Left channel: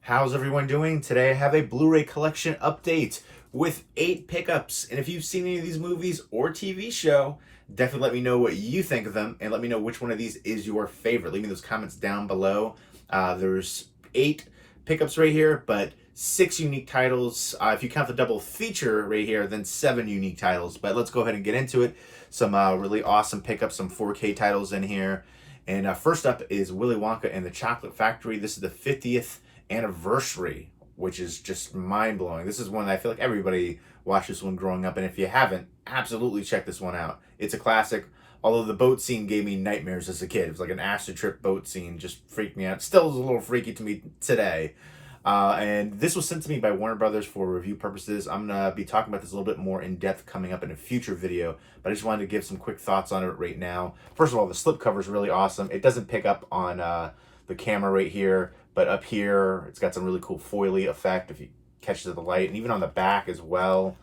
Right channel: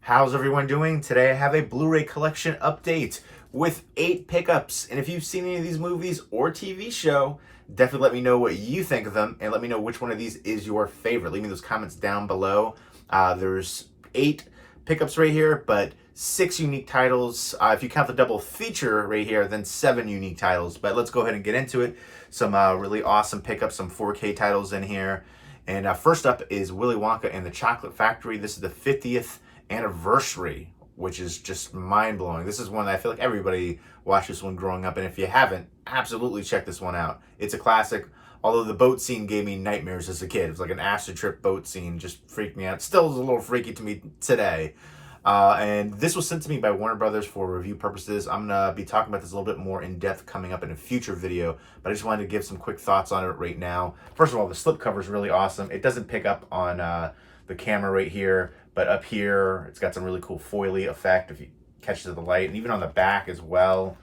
How's everyone doing? Today I have a Blu-ray collection update with 8 pickups. And if you've seen any of these movies or TV show, definitely let me know what you think of them and let me know which one of these is your favorite. Leave me those comments down below. There's 8 pickups right here, but 6 unique titles. If you count the double feature right here, then 7 unique titles. But let's go ahead and get into it. Some really awesome pickups, some 4K titles in here. And first up is Willy Wonka and the Chocolate Factory. This is the 50th anniversary, which is just mind-blowing. This is one that I feel like everybody watched this one growing up, and if you haven't, absolutely check this one out. It's a classic, although the boat scene gave me nightmares as a kid. It was like an acid trip boat scene, just freaked me out. Still is a little freaky to me today. And this was sent to me by Warner Brothers for review purposes. I'm going to be talking about this a little bit more in depth coming up in a future video, but I just wanted to give some quick thoughts on it right now. First of all, the slipcover is really awesome. It doesn't pick up on the camera right here, but up here, it's got some really cool foily effect if you catch it to the light, and even on the back as well,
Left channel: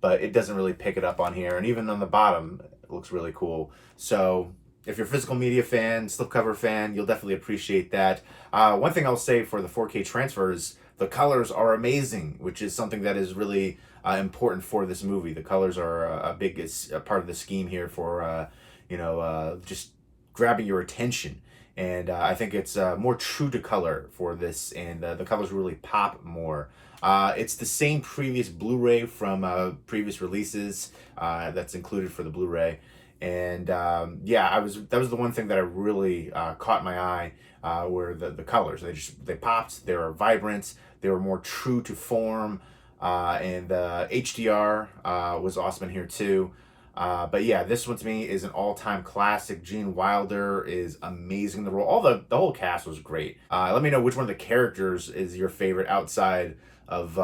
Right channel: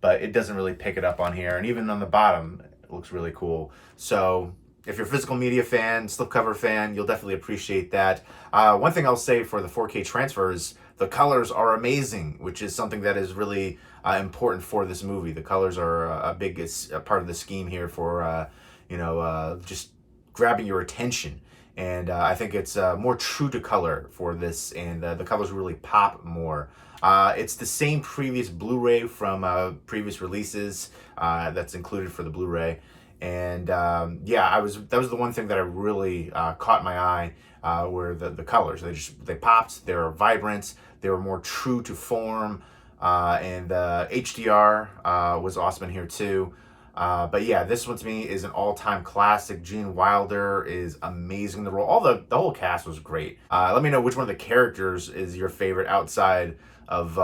but it doesn't really pick it up on here. And even on the bottom, it looks really cool. So if you're a physical media fan, slipcover fan, you'll definitely appreciate that. One thing I'll say for the 4K transfers, the colors are amazing, which is something that is really important for this movie. The colors are a big part of the scheme here for, just grabbing your attention. And I think it's more true to color for this, and the colors really pop more. It's the same previous Blu-ray from previous releases that's included for the Blu-ray. And that was the one thing that I really caught my eye, were the colors. They popped. They were vibrant. They were more true to form, and the HDR was awesome in here too. But yeah, this one to me is an all-time classic. Gene Wilder is amazing in the role. The whole cast was great. Let me know which one of the characters is your favorite outside of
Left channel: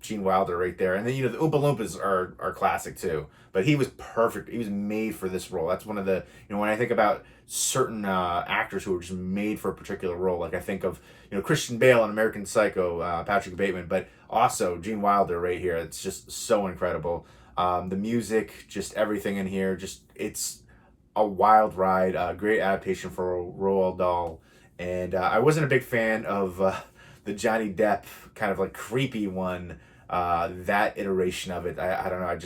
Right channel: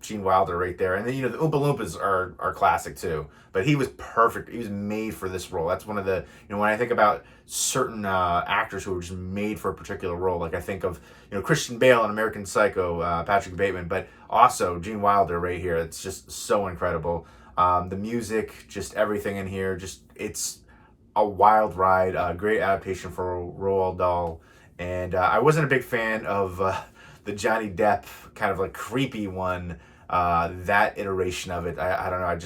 Gene Wilder right there. And then the Oompa Loompas are classic too. But he was perfect. He was made for this role. That's one of the when I think about certain actors who were just made for a particular role, like I think of Christian Bale in American Psycho, Patrick Bateman, but also Gene Wilder right here. It's just so incredible. The music, just everything in here, it's a wild ride, great adaptation for Roald Dahl. And I wasn't a big fan of the Johnny Depp kind of like creepy one, that iteration of it. I don't know,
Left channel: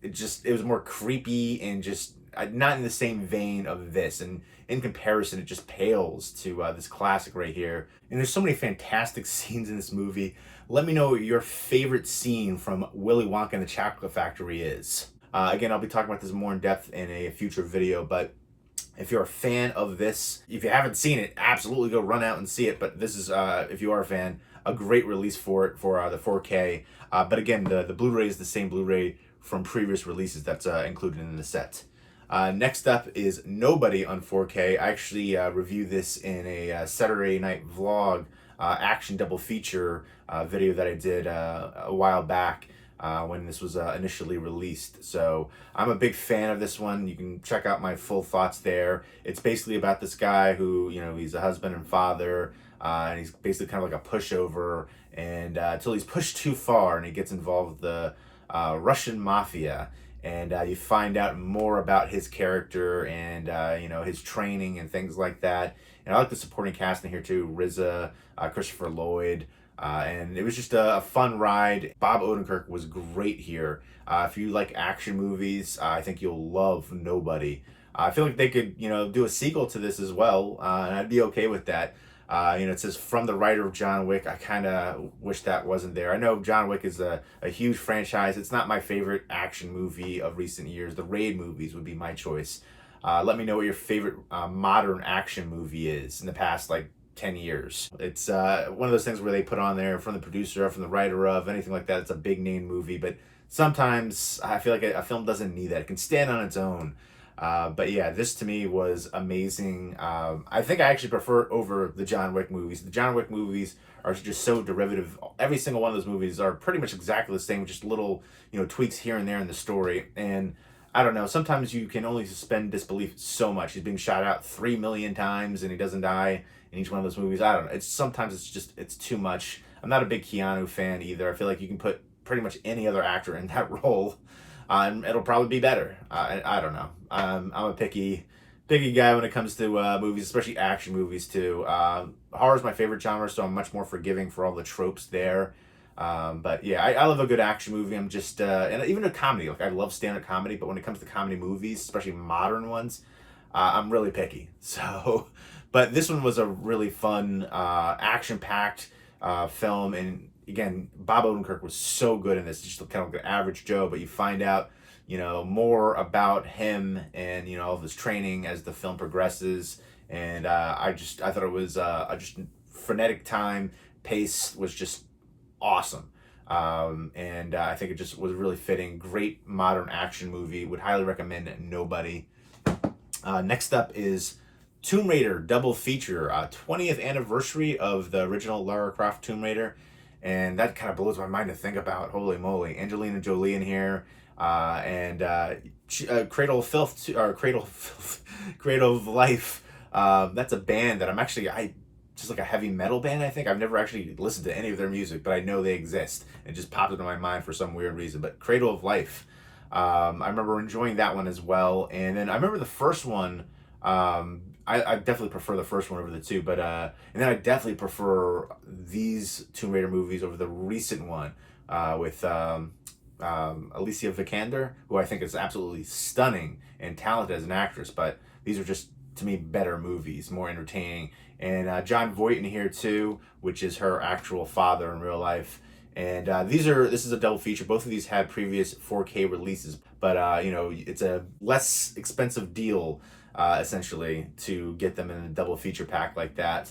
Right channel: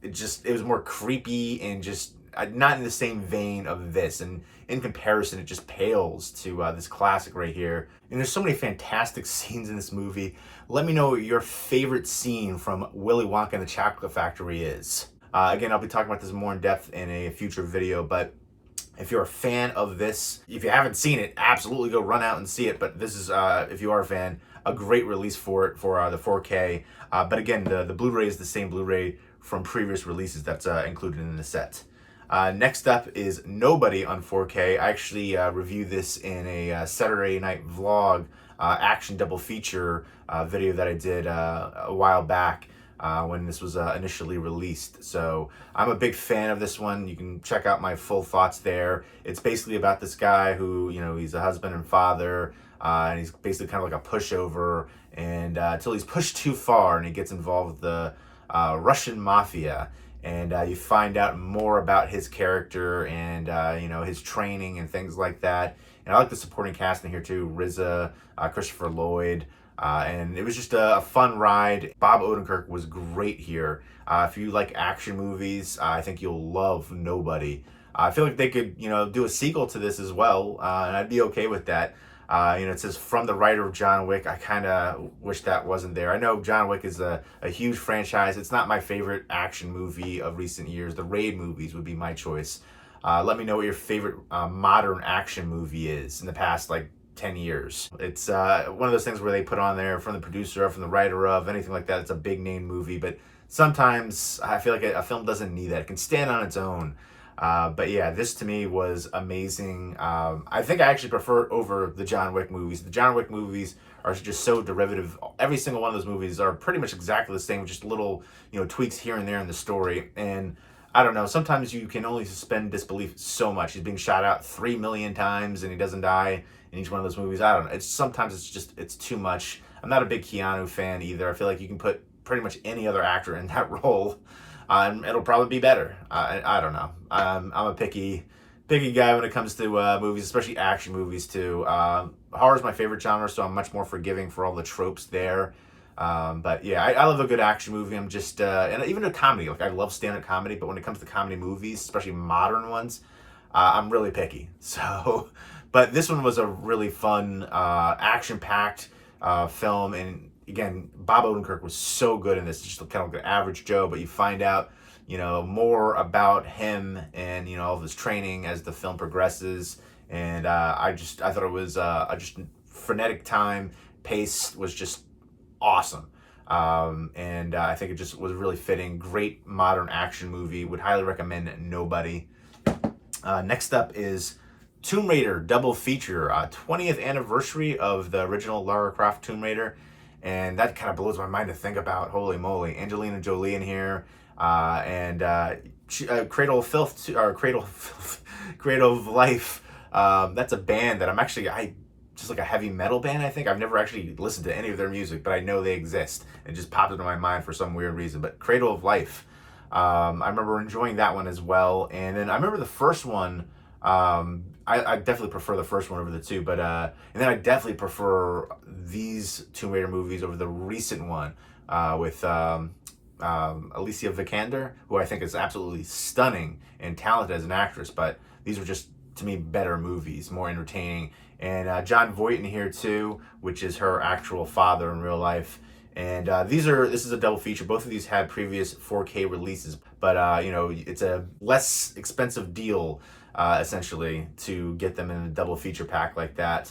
it was more creepy and just not in the same vein of this. And in comparison, it just pales to this classic right here. And there's so many fantastic scenes in this movie. Let me know what your favorite scene from Willy Wonka and the Chocolate Factory is. Again, I'll be talking about this more in depth in a future video, but if you're a fan of this, if you haven't seen it, absolutely go run out and see it. But this is, if you are a fan, a great release for it, for the 4K. But again, the Blu-ray is the same Blu-ray from previous releases that's included in the set. Next up is Nobody on 4K. I actually reviewed this in a Saturday night vlog, action double feature video that I did a while back when this was initially released. So I'm a big fan of this one. You can check out my full thoughts there. It's basically about this guy who, he's a husband and father, and he's basically kind of like a pushover, and until he's pushed too far and he gets involved with the Russian mafia. And you find out more about his character and, his training and things like that. And I like the supporting cast in here too. RZA, Christopher Lloyd. And it was just a fun ride. Bob Odenkirk was great here. If you like action movies, I think you'll love Nobody. I feel like they could, do a sequel to this as well. And I'd be okay with that. It says from the writer of John Wick. I kind of wish that wasn't there. I know John Wick is a huge franchise. It's not my favorite action movie of recent years. The Raid movies would be my choice. Let me know what your favorite modern action movie is in the past, 10 years. It's one of those things where they put on there from the producer or from the writer of anything like that. It's a big name movie, but sometimes I feel like a film doesn't need that. It can stand on its own. But yeah, this to me was amazing. I think I actually prefer it over the John Wick movies. The John Wick movies are just so derivative. Every single one of those movies are pretty much exactly the same, just little, tweaks here and there in the story. And I don't know, sometimes you can only suspend disbelief so much. He's being shot out 3 million times and he doesn't die in each one of those movies. I don't know. Sometimes it's too much. I'm not a big Keanu fan either. I feel like you can put pretty much any other actor in that role, and it'll probably be better. I don't know. I'm a picky picky guy when it comes to movies, especially action movies too. Horror is my favorite genre, so I'm much more forgiving for all the tropes there. But yeah, I love a good action movie. I'm just and even a comedy. Like I love stand-up comedy, but when it comes to comedy movies, especially modern ones, I'm really picky. So, but this one was a really fun, action-packed film, and again, Bob Odenkirk was so good in this. Just kind of like an average Joe, but you find out, more about him and all of his training as the film progresses. And I thought it was just frenetic time. Pace was just awesome. And I think it just was really fitting. Great modern action movie. Would highly recommend Nobody. Next up is Tomb Raider double feature, 20th anniversary of the original Lara Croft Tomb Raider. And that kind of blows my mind to think about. Holy moly. Angelina Jolie in here. And Cradle of Filth, or Cradle of Life. That's a band that just like a heavy metal band, I think. I've never actually listened to any of their music, but I know they exist. It just popped into my mind for some weird reason. But Cradle of Life, I remember enjoying that one as well. And then I remember the first one, I definitely prefer the first one over the two, but and then I definitely prefer these Tomb Raider movies over the recent one with Alicia Vikander, who I think is absolutely stunning and talented as an actress. But these are just, to me, better movies, more entertaining. And John Voight in here too, which is her actual father in real life. And this is a double feature. Both of these had previous 4K releases, but it's a less expensive deal essentially to get them in a double feature pack like that.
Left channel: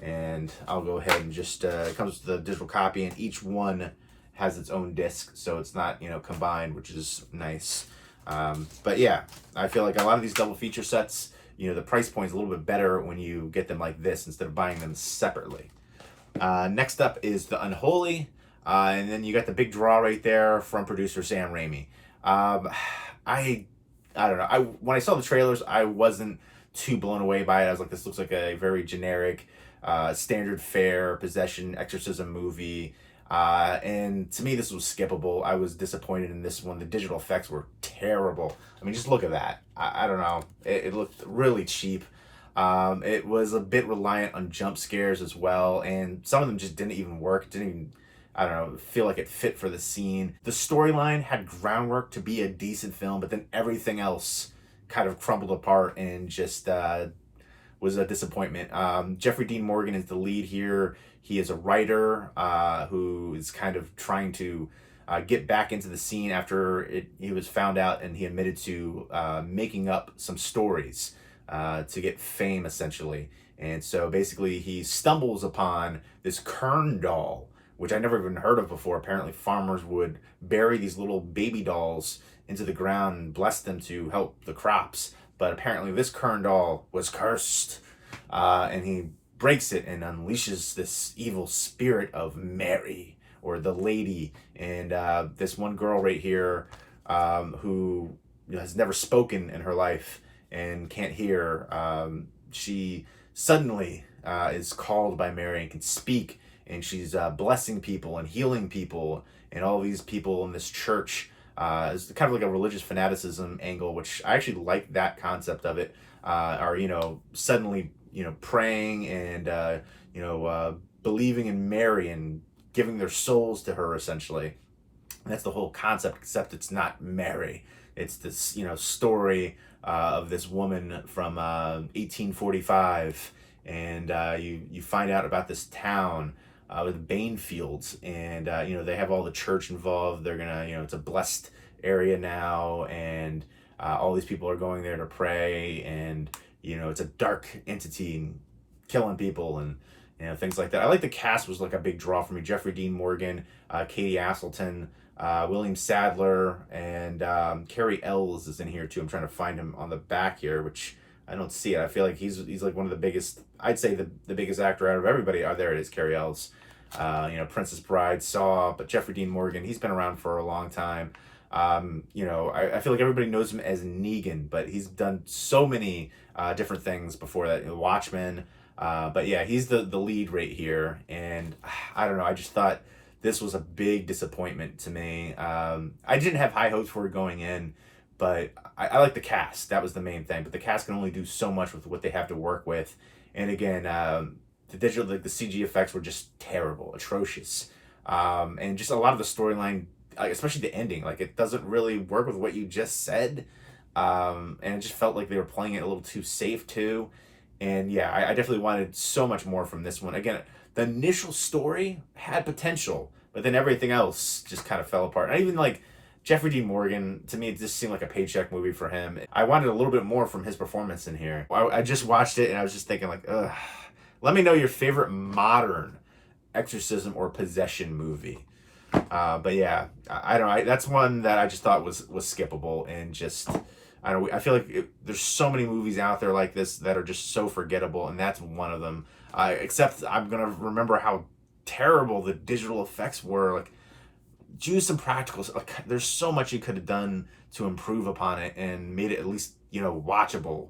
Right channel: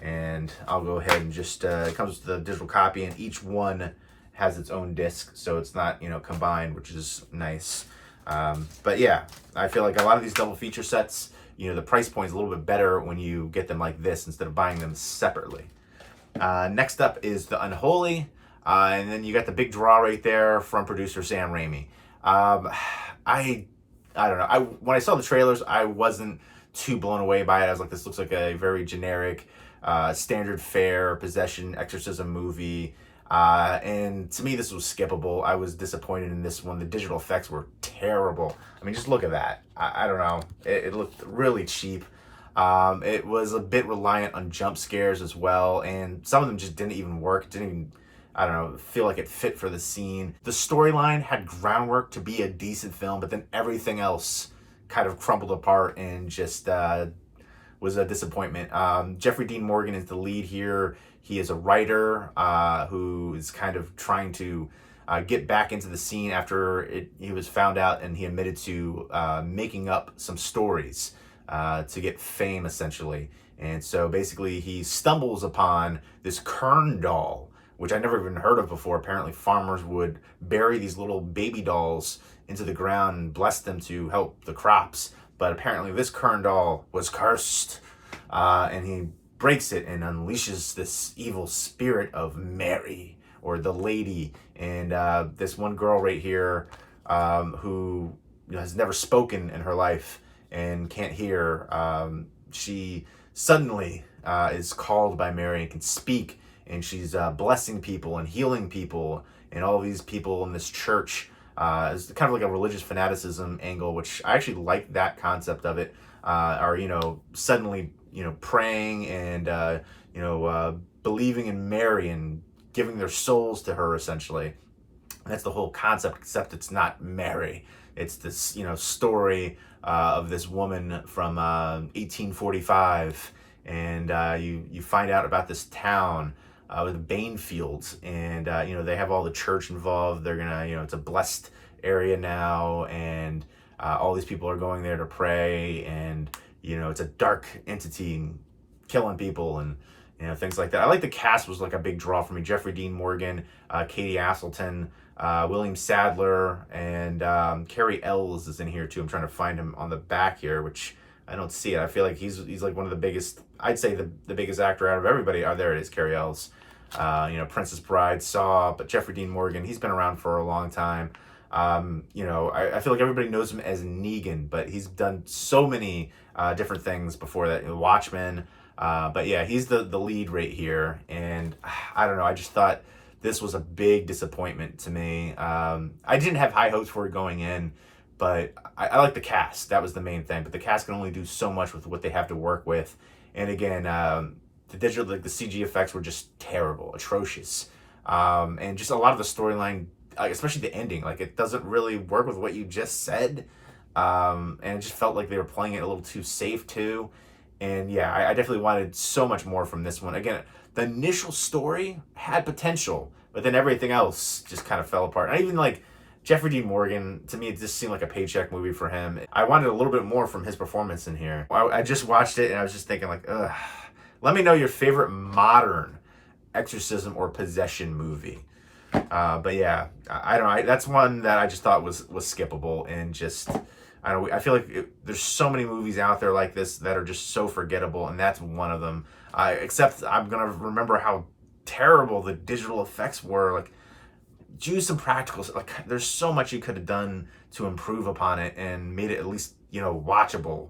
And I'll go ahead and just it comes with the digital copy, and each one has its own disc, so it's not combined, which is nice. But yeah, I feel like a lot of these double feature sets, the price point is a little bit better when you get them like this instead of buying them separately. Next up is the Unholy, and then you got the big draw right there from producer Sam Raimi. I don't know. When I saw the trailers, I wasn't too blown away by it. I was like, this looks like a very generic, standard fare possession exorcism movie. And to me, this was skippable. I was disappointed in this one. The digital effects were terrible. I mean, just look at that. I don't know. It looked really cheap. It was a bit reliant on jump scares as well, and some of them just didn't even work. Didn't even, I don't know, feel like it fit for the scene. The storyline had groundwork to be a decent film, but then everything else kind of crumbled apart and just was a disappointment. Jeffrey Dean Morgan is the lead here. He is a writer who is kind of trying to get back into the scene after he was found out, and he admitted to making up some stories to get fame, essentially. And so basically he stumbles upon this Kern doll, which I never even heard of before. Apparently farmers would bury these little baby dolls into the ground and bless them to help the crops. But apparently this Kern doll was cursed, and he breaks it and unleashes this evil spirit of Mary, or the lady. And this one girl right here who has never spoken in her life and can't hear, she suddenly is called by Mary and can speak, and she's blessing people and healing people, and all these people in this church. It's kind of like a religious fanaticism angle, which I actually like that concept of it. Are suddenly praying and believing in Mary and giving their souls to her, essentially. And that's the whole concept, except it's not Mary. It's this story of this woman from 1845, and you find out about this town with Bainfields, and they have all the church involved. They're gonna it's a blessed area now, and all these people are going there to pray, and it's a dark entity killing people and things like that. I like the cast was like a big draw for me. Jeffrey Dean Morgan, Katie Aselton, William Sadler, and Carrie Ells is in here too. I'm trying to find him on the back here, which I don't see it. I feel like he's like one of the biggest, I'd say the biggest actor out of everybody. Oh, there it is, Carrie Ells. Princess Bride, Saw, but Jeffrey Dean Morgan, he's been around for a long time. I feel like everybody knows him as Negan, but he's done so many different things before that. Watchmen, but yeah, he's the lead right here, and I don't know. I just thought this was a big disappointment to me. I didn't have high hopes for it going in, but I like the cast. That was the main thing. But the cast can only do so much with what they have to work with. And again, the digital, like the CG effects were just terrible, atrocious. And just a lot of the storyline, especially the ending, like it doesn't really work with what you just said. And it just felt like they were playing it a little too safe too. And yeah, I definitely wanted so much more from this one. Again, the initial story had potential, but then everything else just kind of fell apart. And even like Jeffrey Dean Morgan, to me, it just seemed like a paycheck movie for him. I wanted a little bit more from his performance in here. I just watched it and I was just thinking like, ugh. Let me know your favorite modern exorcism or possession movie. But yeah, I don't know. That's one that I just thought was skippable, and just, I don't know. I feel like there's so many movies out there like this that are just so forgettable, and that's one of them. Except I'm gonna remember how terrible the digital effects were. Like, use some practicals. Like, there's so much you could have done to improve upon it and made it at least, you know, watchable.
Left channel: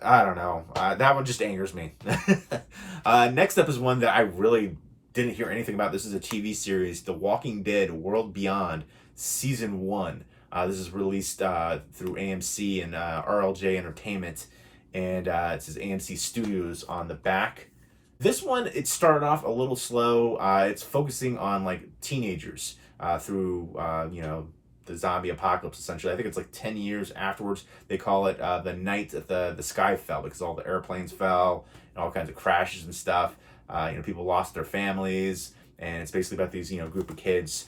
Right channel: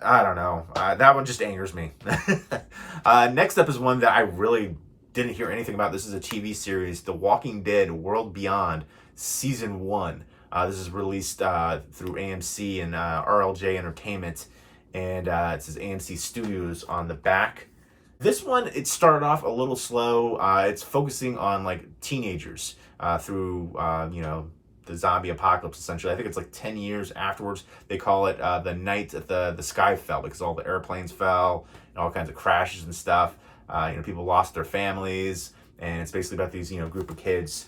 I don't know. That one just angers me. Next up is one that I really didn't hear anything about. This is a TV series, The Walking Dead World Beyond, Season 1. This is released through AMC and RLJ Entertainment, and it says AMC Studios on the back. This one, it started off a little slow. It's focusing on like teenagers through, you know, the zombie apocalypse, essentially. I think it's like 10 years afterwards. They call it the night that the sky fell, because all the airplanes fell and all kinds of crashes and stuff. You know, people lost their families, and it's basically about these, you know, group of kids.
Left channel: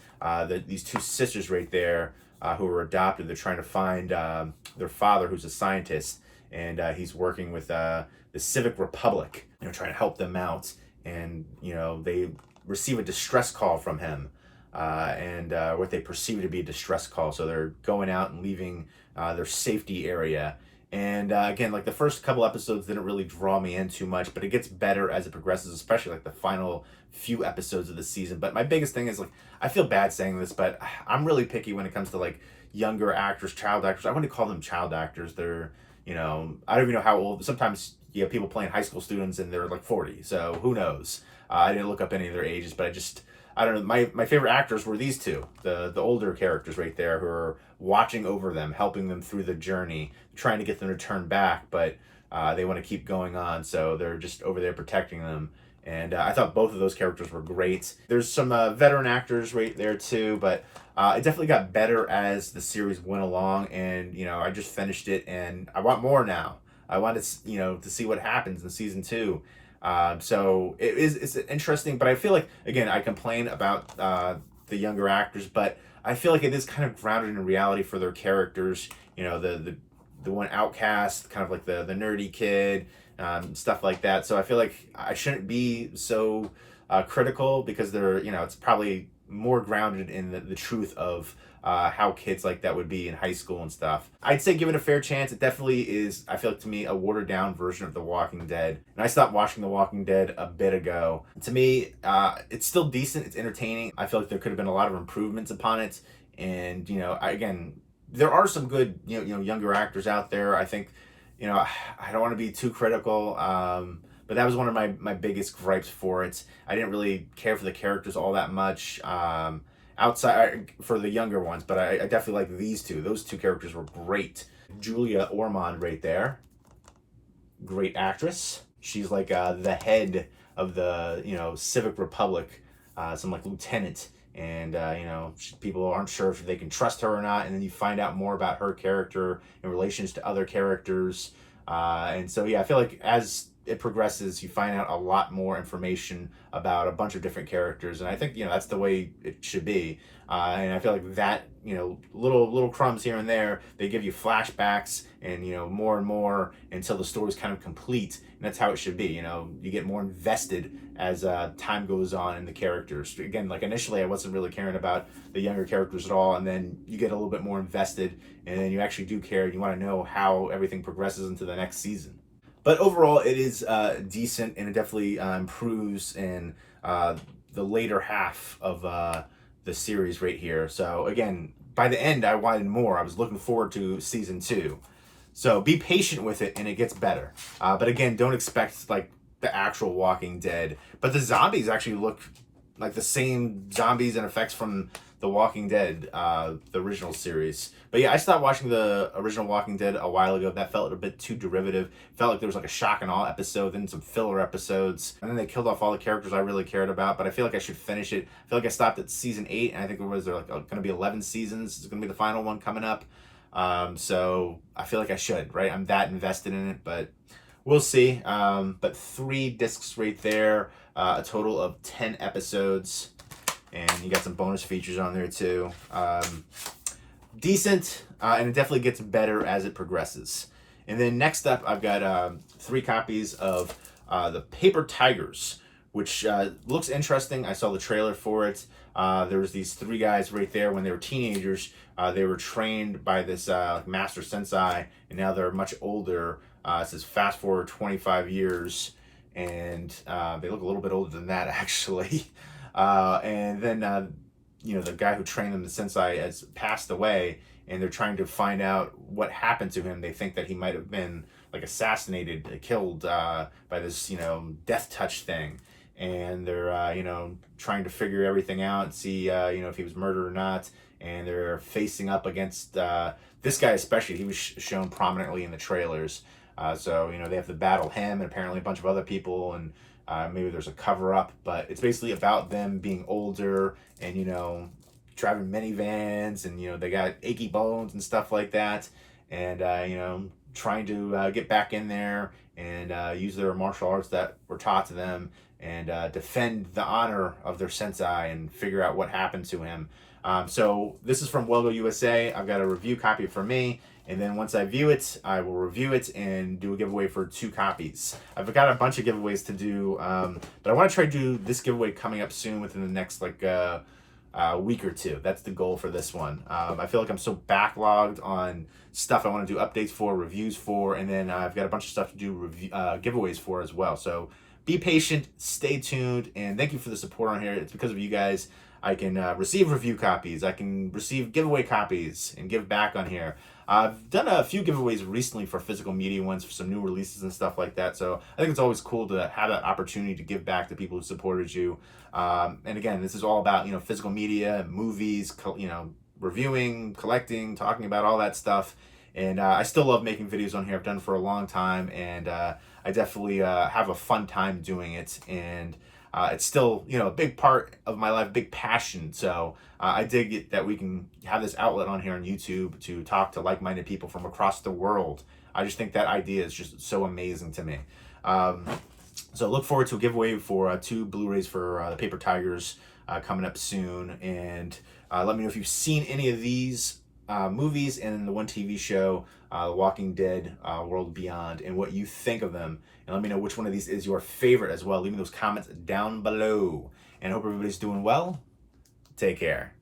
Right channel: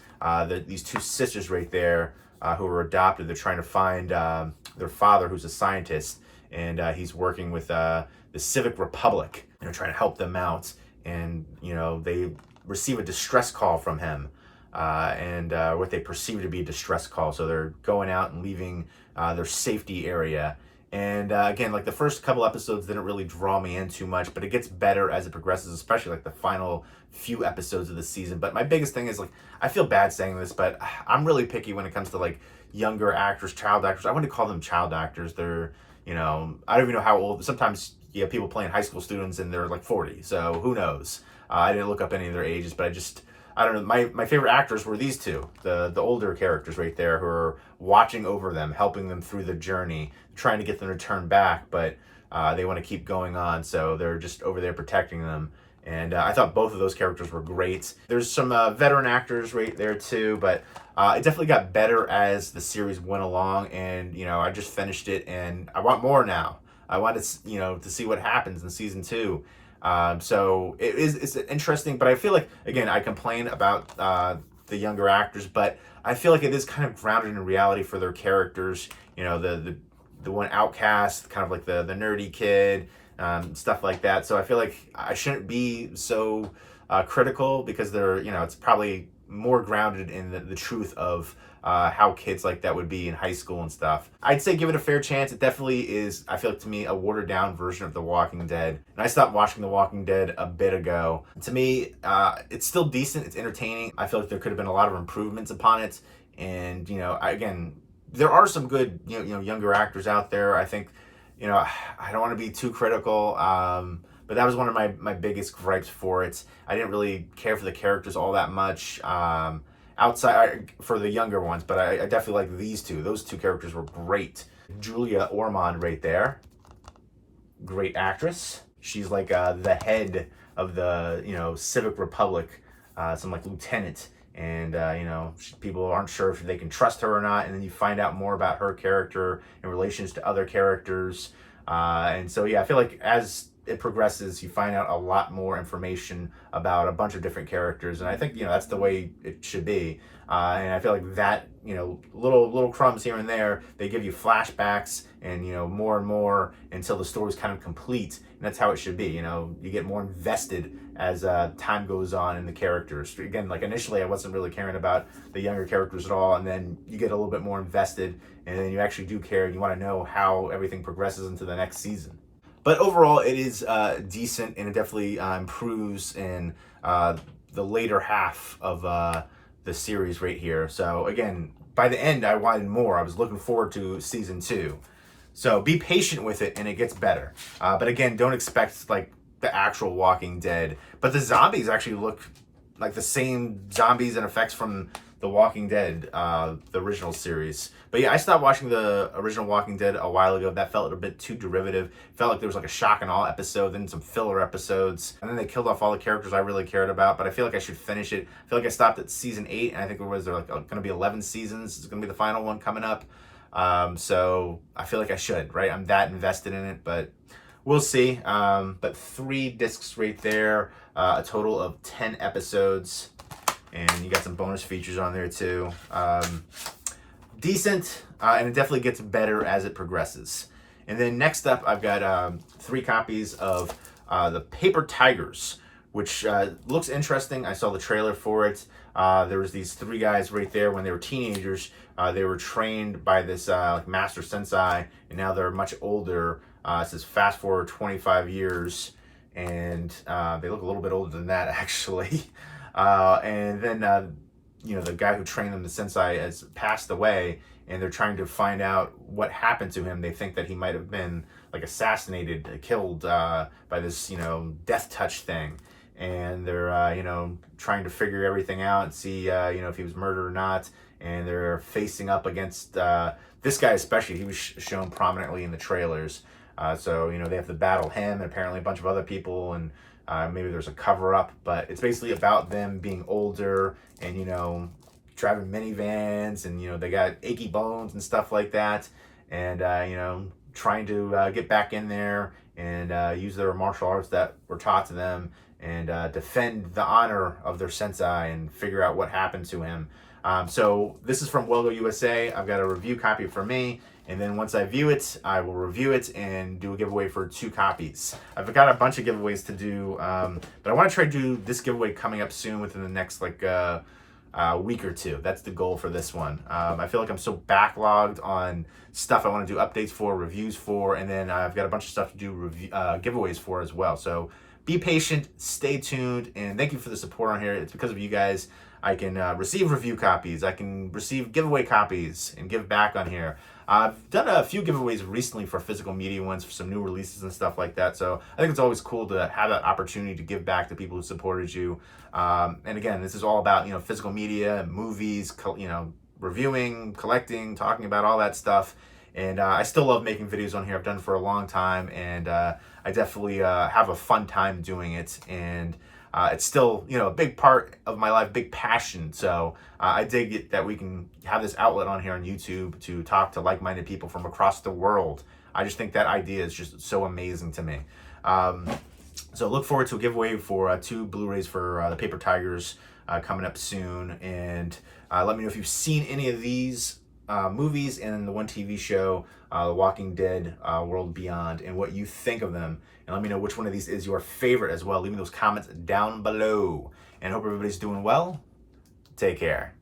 These two sisters right there who were adopted. They're trying to find their father, who's a scientist, and he's working with the Civic Republic, you know, trying to help them out. And, you know, they receive a distress call from him. And what they perceive to be a distress call. So they're going out and leaving their safety area. And again, like the first couple episodes didn't really draw me in too much, but it gets better as it progresses, especially like the final few episodes of the season. But my biggest thing is, like, I feel bad saying this, but I'm really picky when it comes to like younger actors, child actors. I wouldn't call them child actors. They're, you know, I don't even know how old. Sometimes you have people playing high school students and they're like 40. So who knows? I didn't look up any of their ages, but I don't know. My favorite actors were these two, the older characters right there, who are watching over them, helping them through the journey, trying to get them to turn back, but they want to keep going on, so they're just over there protecting them. And I thought both of those characters were great. There's some veteran actors right there too, but it definitely got better as the series went along. And, you know, I just finished it, and I want more now. I want to, you know, to see what happens in season 2. So it's interesting, but I feel like, again, I complain about the younger actors, but I feel like it is kind of grounded in reality for their characters. You know, the one outcast, kind of like the nerdy kid, stuff like that. So I feel like I shouldn't be so critical, because they're, you know, it's probably more grounded in the truth of how kids like that would be in high school and stuff. I'd say give it a fair chance. It definitely is, I feel like, to me, a watered down version of The Walking Dead. And I stopped watching The Walking Dead a bit ago. To me, it's still decent. It's entertaining. I feel like there could have been a lot of improvements upon it. And, you know, again, there are some good, you know, younger actors out there. I think, you know, I don't want to be too critical, but that was one of my biggest gripes for it. I didn't really care for the characters all that much. Outside for the younger ones, but I definitely like these two. Those two characters were great. Julia Ormond right there, great actress. She's like the head of the, you know, Civic Republic, some like lieutenant, and you know, people aren't sure if they can trust her or not. And then you find out more about her character in relations to other characters, and so yeah, I feel like as it progresses, you find out a lot more information about a bunch of different characters, and I think, you know, that's the way it should be. And I feel like that, you know, little crumbs here and there, they give you flashbacks and, you know, more and more until the story's kind of complete, and that's how it should be. You know, you get more invested as time goes on in the characters. Again, like initially, I wasn't really caring about the younger characters at all, and then you get a little bit more invested, and then you actually do care, and you want to know how everything progresses into the next season. But overall, it is decent, and it definitely improves in the later half of the series right here. So again, by the end, I wanted more. I was looking forward to season 2. So be patient with it, and it gets better. But again, don't expect like the actual Walking Dead. But the zombies actually look like the same zombies and effects from The Walking Dead, the original series. But yeah, I stopped watching the original Walking Dead a while ago. That felt a bit too derivative. Felt like there was like a shock and awe episode, then some filler episodes, and then they killed off all the characters I really cared about. But I feel like I should finish it. I feel like I stopped at season 8, and I think there like going to be 11 seasons. It's going to be the final one coming up. So I feel like I should, right? I'm that invested in it, but we'll see. But 3 discs right there, a total of 10 episodes. And you got some bonus features on there too. Decent, and it definitely gets better as it progresses. And then next up, I've got 3 copies of the Paper Tigers, which looks interesting. I saw the trailer for it. There was these 3 guys right there when they were teenagers. They were trained by this master sensei, and now they're much older. It says fast forward 25 years, and they look a little bit older than that, actually. And then, you know, the guy who trained them, the sensei, has passed away, and they're trying to find out what happened to him. They think that he might have been like assassinated, killed by this, you know, death touch thing. And they're, you know, trying to figure everything out and see, you know, if he was murdered or not. And they're facing up against this guy especially. He was shown prominently in the trailers. So, you know, they have to battle him and apparently a bunch of other people, and maybe there's a cover-up, but it's basically about them being older and, you know, driving minivans, and, you know, they got achy bones and stuff like that, and, you know, trying to get back in there and use their martial arts that were taught to them and defend the honor of their sensei and figure out what happened to him. So this is from Welgo USA. I've got a review copy for me, and then once I view it, I will review it and do a giveaway for 2 copies. I've got a bunch of giveaways to do, but I want to try to do this giveaway coming up soon within the next like week or 2. That's the goal for this one. I feel like I'm so backlogged on stuff I want to do updates for, reviews for, and then I've got a bunch of stuff to do giveaways for as well. So be patient, stay tuned, and thank you for the support on here. It's because of you guys I can receive review copies, I can receive giveaway copies, and give back on here. I've done a few giveaways recently for physical media ones, for some new releases and stuff like that. So I think it's always cool to have that opportunity to give back to people who supported you. And again, this is all about, you know, physical media, movies, you know, reviewing, collecting, talking about all that stuff. And I still love making videos on here. I've done it for a long time, and I definitely have a fun time doing it. And it's still, you know, a big part of my life, big passion. So I dig it that we can have this outlet on here on YouTube to talk to like-minded people from across the world. I just think that idea is just so amazing to me. So look forward to a giveaway for 2 Blu-rays for the Paper Tigers coming up soon. And let me know if you've seen any of these movies and the one TV show, The Walking Dead World Beyond, and what you think of them. And let me know which one of these is your favorite as well. Leave me those comments down below. And hope everybody's doing well. Take care.